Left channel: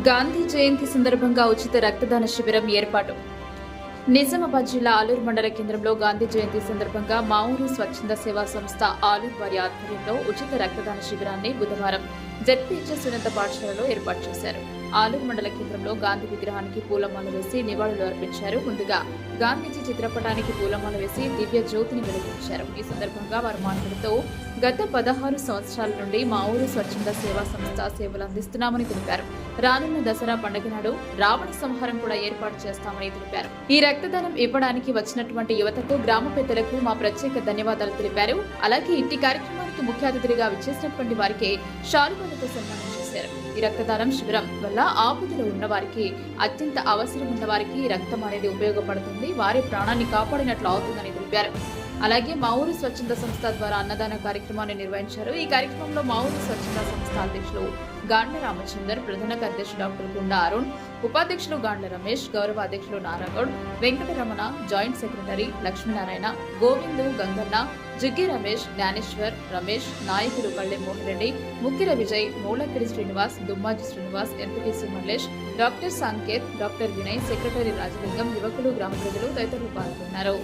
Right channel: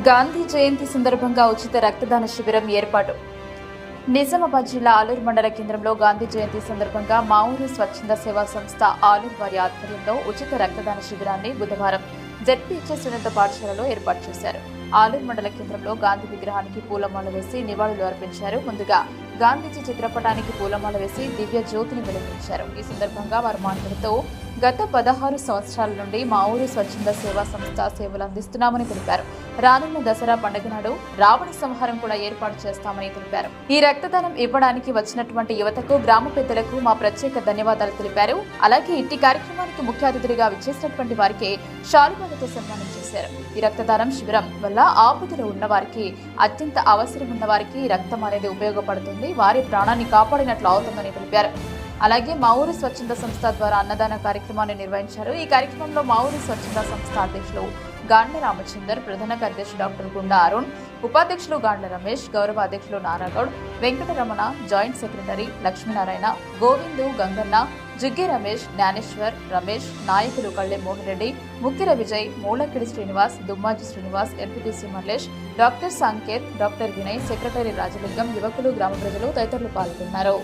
గాంధీ జయంతి సందర్భంగా ఉచిత రక్తదాన శిబిరం ఏర్పాటు. నిజామాబాద్ జిల్లా ఆలూరు మండల కేంద్రంలో గాంధీ జయంతి సందర్భంగా మా ఊరు స్వచ్ఛంద సేవా సంస్థ ఆలూరు వారి ఆధ్వర్యంలో ఉచిత రక్తదాన శిబిరాన్ని బుధవారం జెడ్పీహెచ్ఎస్ ఉన్నత పాఠశాలలో ఏర్పాటు చేశారు. ఆలూరు మండల కేంద్రంలో గాంధీ విగ్రహానికి పూలమాల వేసి నివాళులు అర్పించారు. ముందుగా గాంధీజీ చిత్రపటానికి పూలమాల వేసి దివ్య జ్యోతిని వెలిగించారు. ఈ సందర్భంగా వారు మాట్లాడుతూ గత 16 సంవత్సరాల నుండి మా ఊరు స్వచ్ఛంద సేవా సంస్థ సేవలు అందిస్తున్నామని తెలిపారు. రానున్న దసరా పండుగ నాడు రావణ సంహారం కూడా ఏర్పాటు చేస్తామని తెలిపారు. ఈ రక్తదానం ఇవ్వడానికి వచ్చినటువంటి యువతకు, గ్రామ పెద్దలకు మా ప్రత్యేక ధన్యవాదాలు తెలిపారు. అలాగే ఇంటి కార్యక్రమానికి ముఖ్య అతిథులుగా విచ్చేసినటువంటి వారికి శాలువాలతో సన్మానం చేశారు. ఈ రక్తదానం శిబిరం వల్ల ఆపదలో ఉన్న వారికి, అత్యంత అవసరం ఉన్న వారికి రక్తం అనేది ఉపయోగపడుతుంది, వారి ప్రాణాన్ని కాపాడినట్లు అవుతుందని తెలిపారు. అలాగే మా ఊరు స్వచ్ఛంద సంస్థ ద్వారా అన్నదాన కార్యక్రమాన్ని నిర్వహించారు. ఈ కార్యక్రమంలో మా ఊరు స్వచ్ఛంద సంస్థ అధ్యక్షులు గాండ్ల రామచందర్, ప్రధాన కార్యదర్శి డాక్టర్ గుండా అరుణ్, ఉపాధ్యక్షులు గాండ్ల రమేష్, గౌరవ అధ్యక్షులు నారాగౌడ్, వెంకటరమణ, జాయింట్ సెక్రటరీ లక్ష్మీనారాయణ, గోవిందు, గంగన్న, జిగ్గి రమేష్, జ్ఞానేశ్వర్, రమేష్, నాయకులు Kalle Mohan Reddy, Mukkira Vijay, Moolakkidi Srinivas, Dummaji Srinivas, MPTC Mallesh, doctor Sanketh, doctor Vinay, secretary Rajalingam, యువకులు, గ్రామ ప్రజలు తదితరులు పాల్గొన్నారు.